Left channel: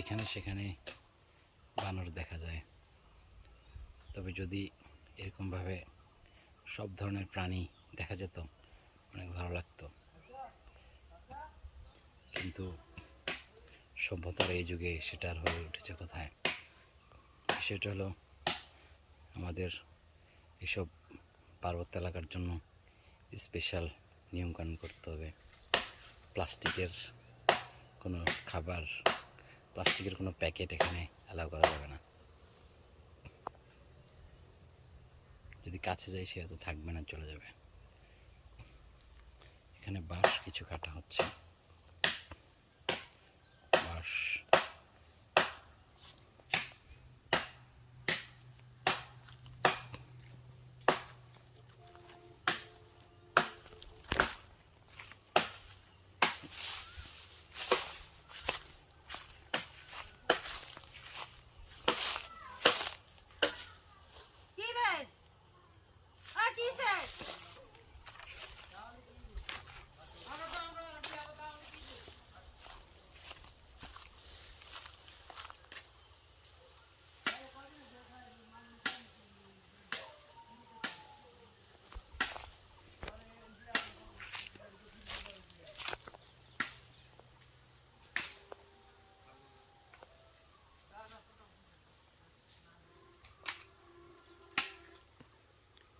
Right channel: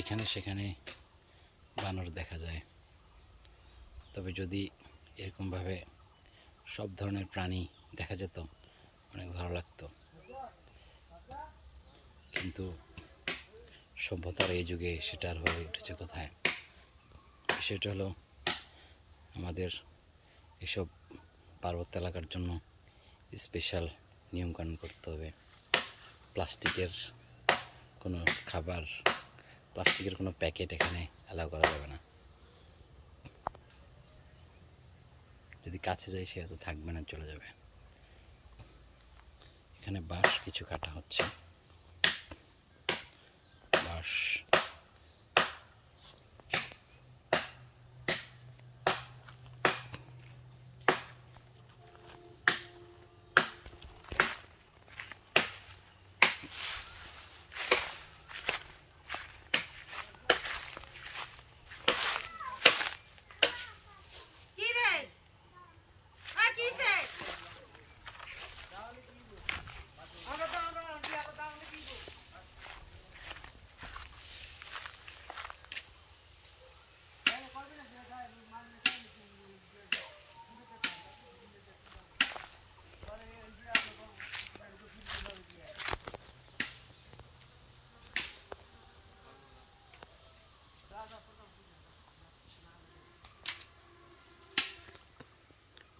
এখানে সেখানে বানর দেখা যায়, তবে যদি এরকমভাবে সব ধরনের প্রাণী দেখা যেত অনেক ভালো লাগতো। কিন্তু সভ্যতার এই যুগে সেটা আর হয়ে উঠেছে কোথায়? বিষয়টা হলো আমাদের এসব পার্বত্য এলাকার জন্য স্পেশাল নিয়মকানুন করতে হবে। প্লাস্টিকের কোনো খাবার, প্লাস্টিকের কোনো প্যাকেট এখানে অ্যালাউ করা যাবে না। যদি কাছে যায় সে হয়তো থাকবে না, চলে যাবে। এখানে বাঁশ কিছু কাটা হচ্ছে, বাঁশ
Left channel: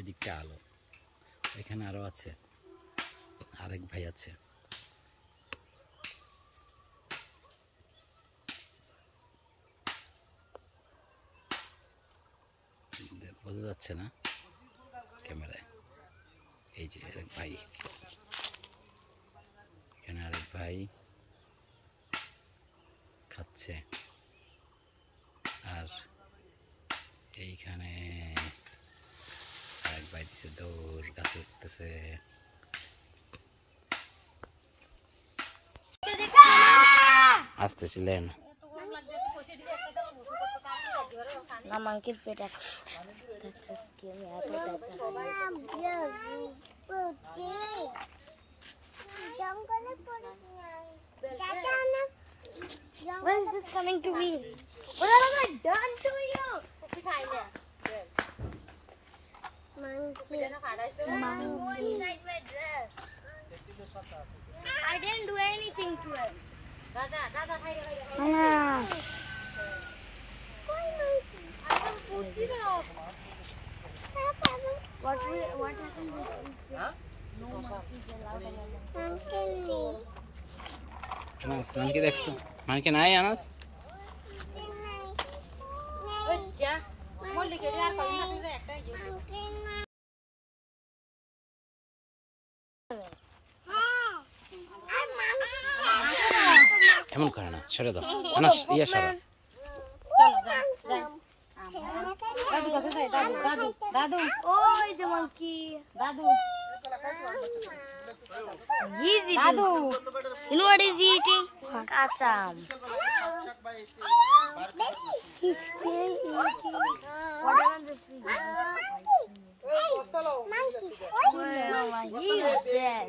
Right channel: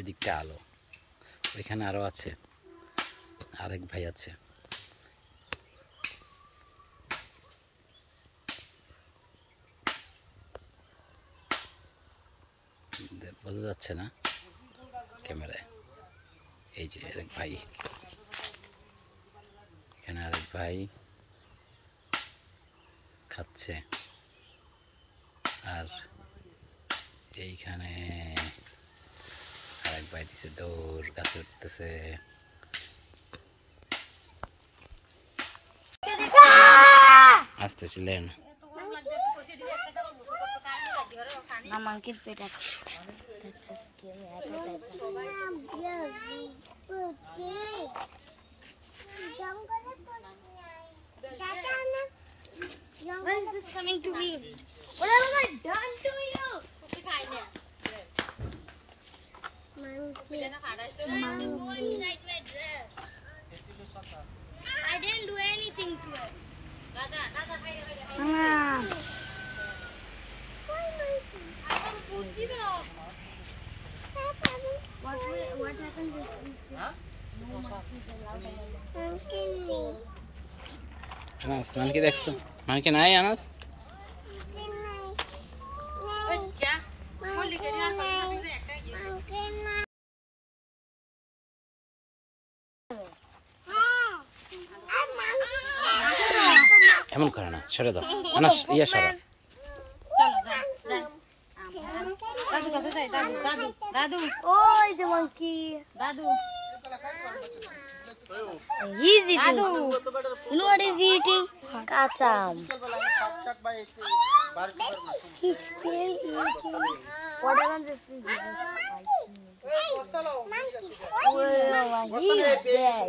ওই দিকটা আলো, ওইখানে আরো আছে, আরেক ভাই আছে। বোঝা যাচ্ছে না ক্যামেরায়। এই যে আরেক ভাই, এখানে আরেক ভাই খাচ্ছে, আর এইখানে আরেক ভাই দিছে দৌড়, গাছে উঠতেছে। আসতেছিলেন When is this coming to me? What have I done to you? Monkey. Inside my dress. I didn't do anything to it. What happened if we say no monkeys allowed anymore? Anas monkey দেখছো? Monkey নাই আনাস? এমন করে না, সরে দাও আনাস, ইয়া সরা। Oh, it's a monkey. He's eating. You know what he's eating? Kacham. He's still eating. What happens if we give us spicy noodles? Oh, he's dead.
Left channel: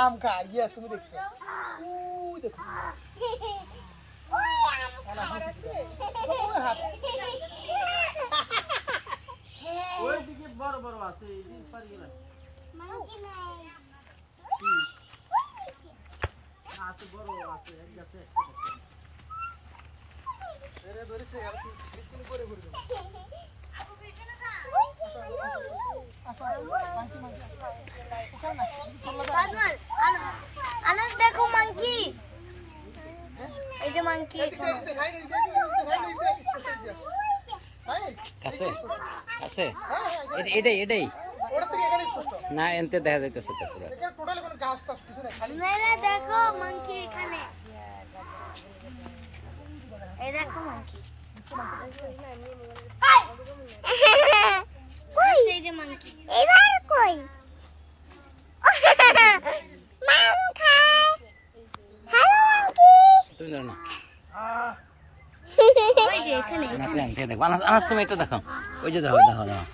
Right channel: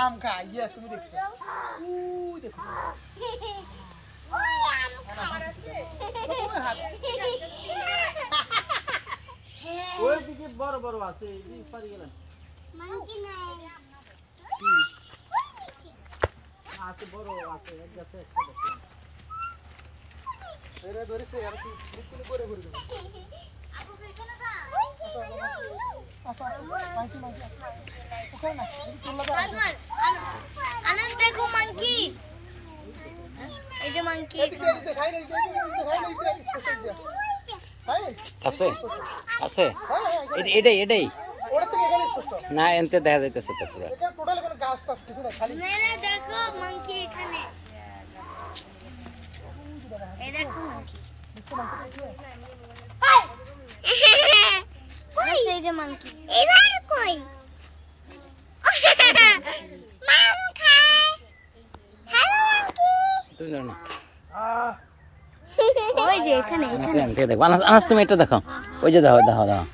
आम खा, यस तुम्ही देखছো দেখো ওই দিকে বড় বড় আছে, এই পারি গেল মানকি নাই আছে, বড় আছে, যাচ্ছে একটা দেখো এরা ধরেছে আর কি বিক্রি করে ঘুরে আপু পেছনে যা Anas, देखो monkey. এই যে monkey আছে আছে, এটাই এটাই না, এনতে দেখা যাইতেছে তো পুরো। দেখো monkey এখানে, এই দেখো monkey। কই এই যে monkey, এবার কই তুমি জানো না? ওই যে এখানে আনাস এনতে দেখো, আনাস আনাস তুমি এটা দেখো, ওই যে দেখো দেখো দেখো,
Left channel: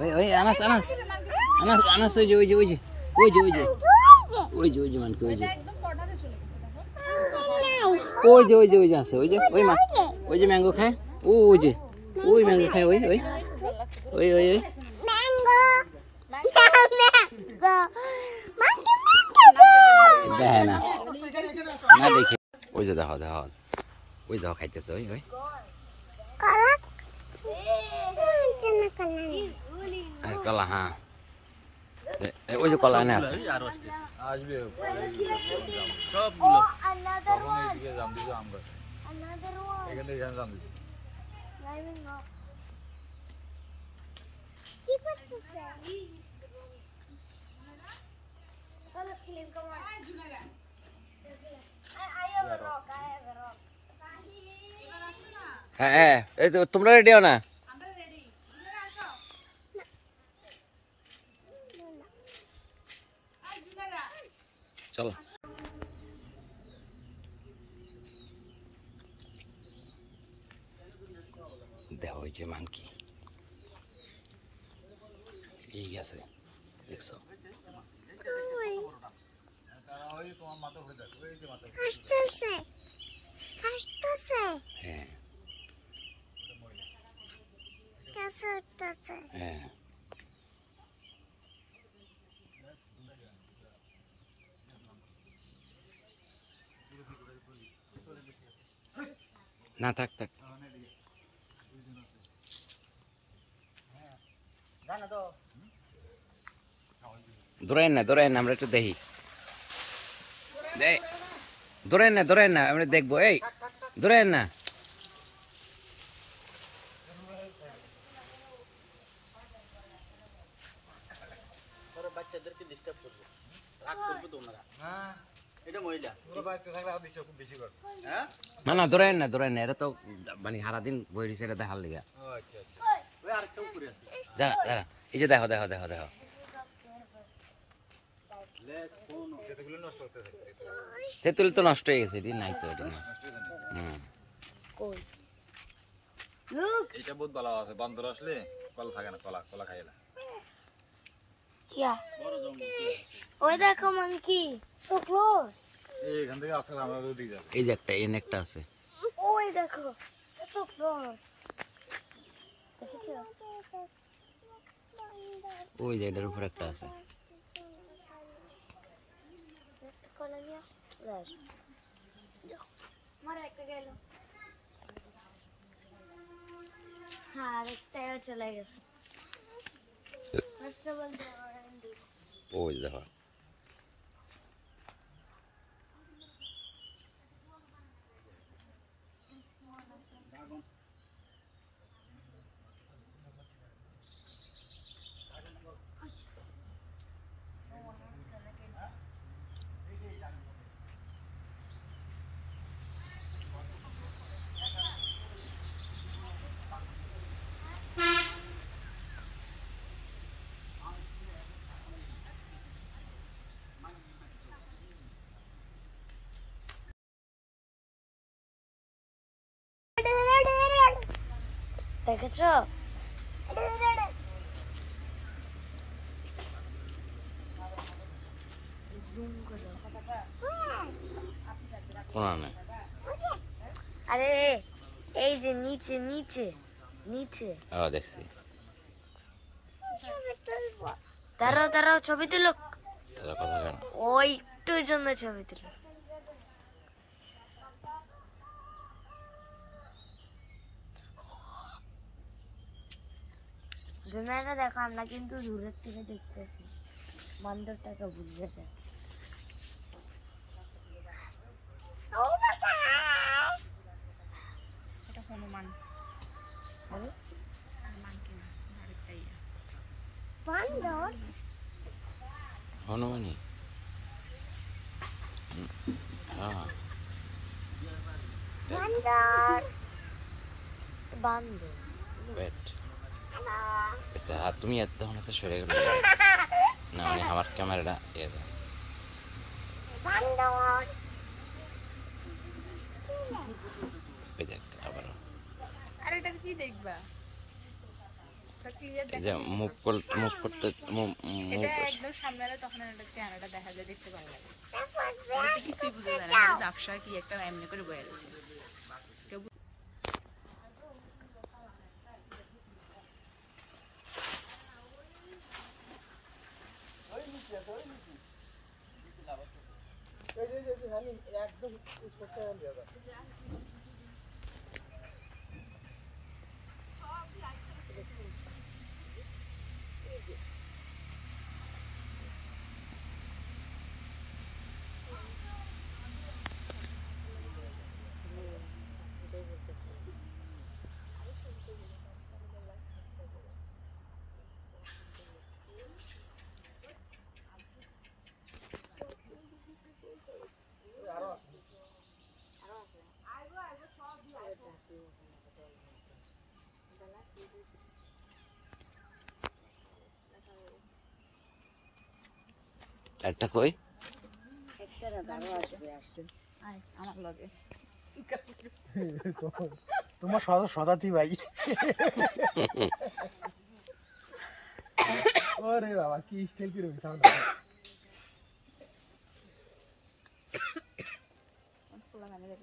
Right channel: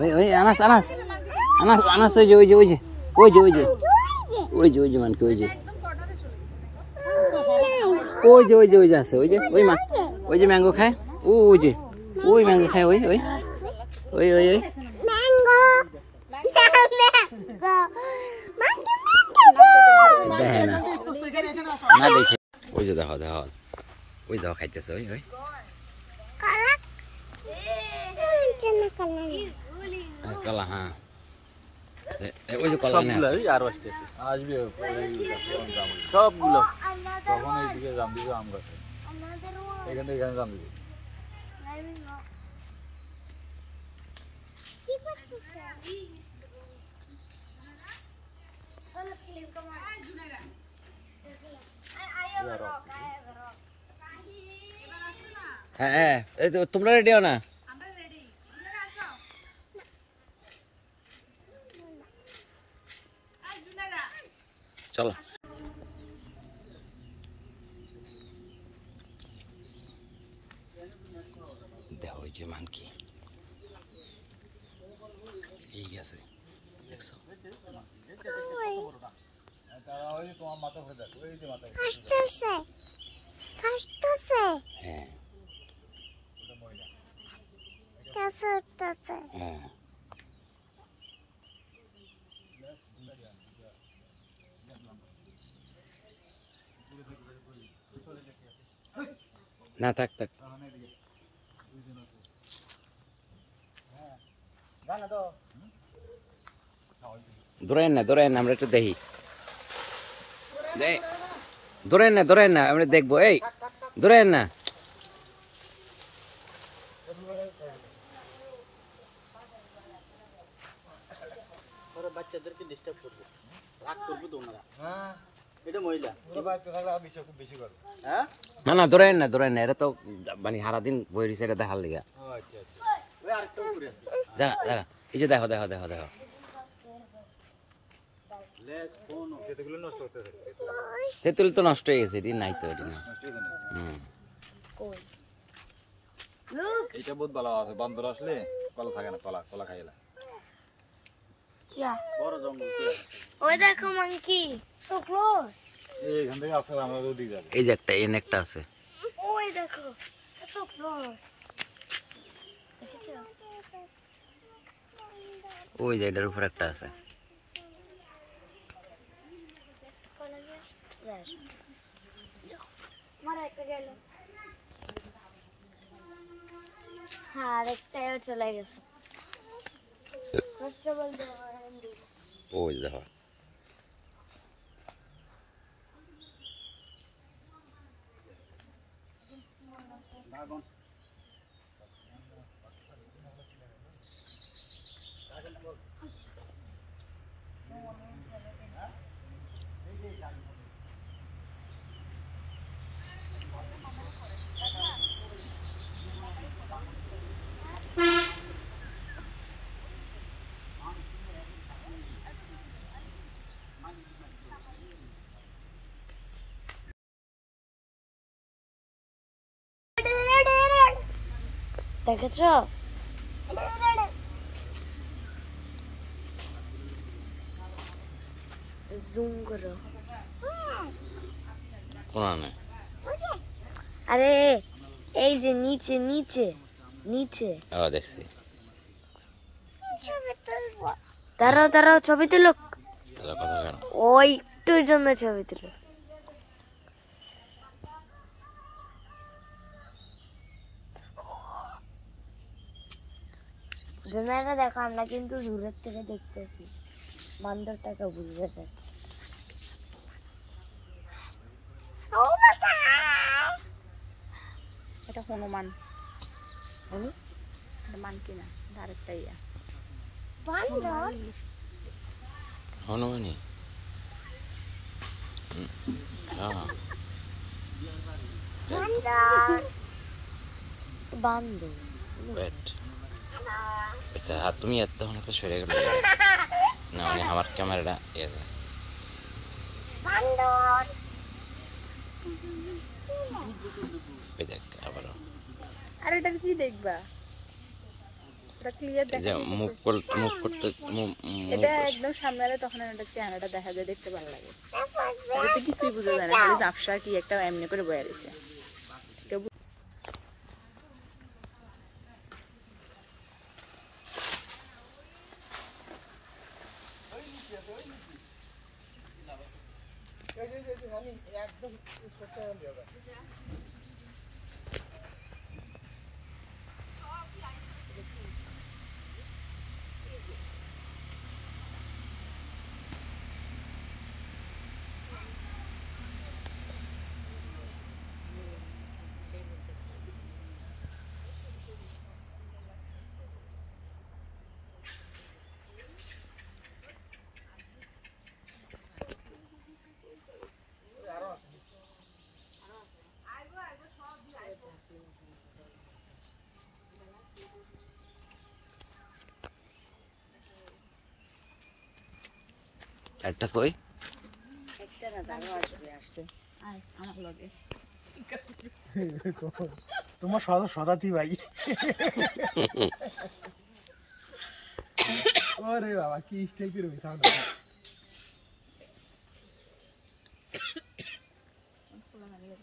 ওই ওই আনাস আনাস আনাস আনাস, ওই যে ওই যে ওই যে ওই যে ওই যে ওই যে মানকি ওই যে ওই যে আছে ওই মা ওই যে ম্যাঙ্গো খায় ওই ম্যাঙ্গো খায় ওই দেখে না দেখে ওই যে দেখো ওই দেখো খাইতেছে ওই কলা হ্যাঁ ওই যে কলা না আর আসতে আসবে সবগুলো হ্যাঁ এই তো তোমরা রেডি হও না চলো দেখো ওই যে মানকি এই গেছে দেখছো হ্যাঁ হ্যাঁ না থাক ধরেন না আমরা একটু দেখি ধরেন না আমরা দেখবো এই ধরেন না বাচ্চাদেরকে ডিস্টার্ব করবে রাগ করবে তোমরা এটা মহিলা না ধরেন না এটা তো মানে সারাদিন বই রয়েছে এটা দেখার লিগা দাঁড়া এই যে দেখো তেঁতুল তো নষ্ট হয়ে গেছে নাই তো এটি না এটা বহুত ভালো আছে বান্দর আসলে কলা থাকে না কলা খাইলা ওই দেখো মাঙ্কি সো ক্লোজ এইখান থেকে আসলে আমরা ওদিকে যাব এই যে একটা আছে ওই দেখো সো ক্লোজ দেখেছো ওই যে এটার উপর একটা আছে হ্যাঁ আরেকটাও চলে গেছে ওই দেখো দেখেছো জুম করো কোন আরে এই যে নিচে দেখছি দাঁড়াও ছবি তুলো কথা কেন ওই একটুর জন্য ছবি তুলো জুমেরা দেখো আমরা কিন্তু দূরের থেকে দেখতেছি বান্দরটাকে বুঝতে যাচ্ছে এটা হনুমান মান কিনা আরেকটা ইয়া বান্দর হনুমানি হ্যাঁ বান্দর ওয়েট আচ্ছা তুমি তখন এত সরে গেল না মানে আমার ক্যামেরাটা ইয়ে দেয় দেখ আবারও আর এটা কি দেখবা পুরো ক্লিয়ার এই দেখা যে যাচ্ছে। মুভ করতে মুভ এটা একদম সামনে আলে তখন আমাদের চেহারাটা দেখা যায়, দেখতে ভালো লাগে। এতে কিছুই বোঝা যায় না, খালি ঝাপসা কি একটা এমনি করে বয়ে রয়েছে। একটা কই আয় আমার লগে। তোমার সজাতি ভাই। ওরে বাবা কি স্টাইল করে সাউন্ড। আমরা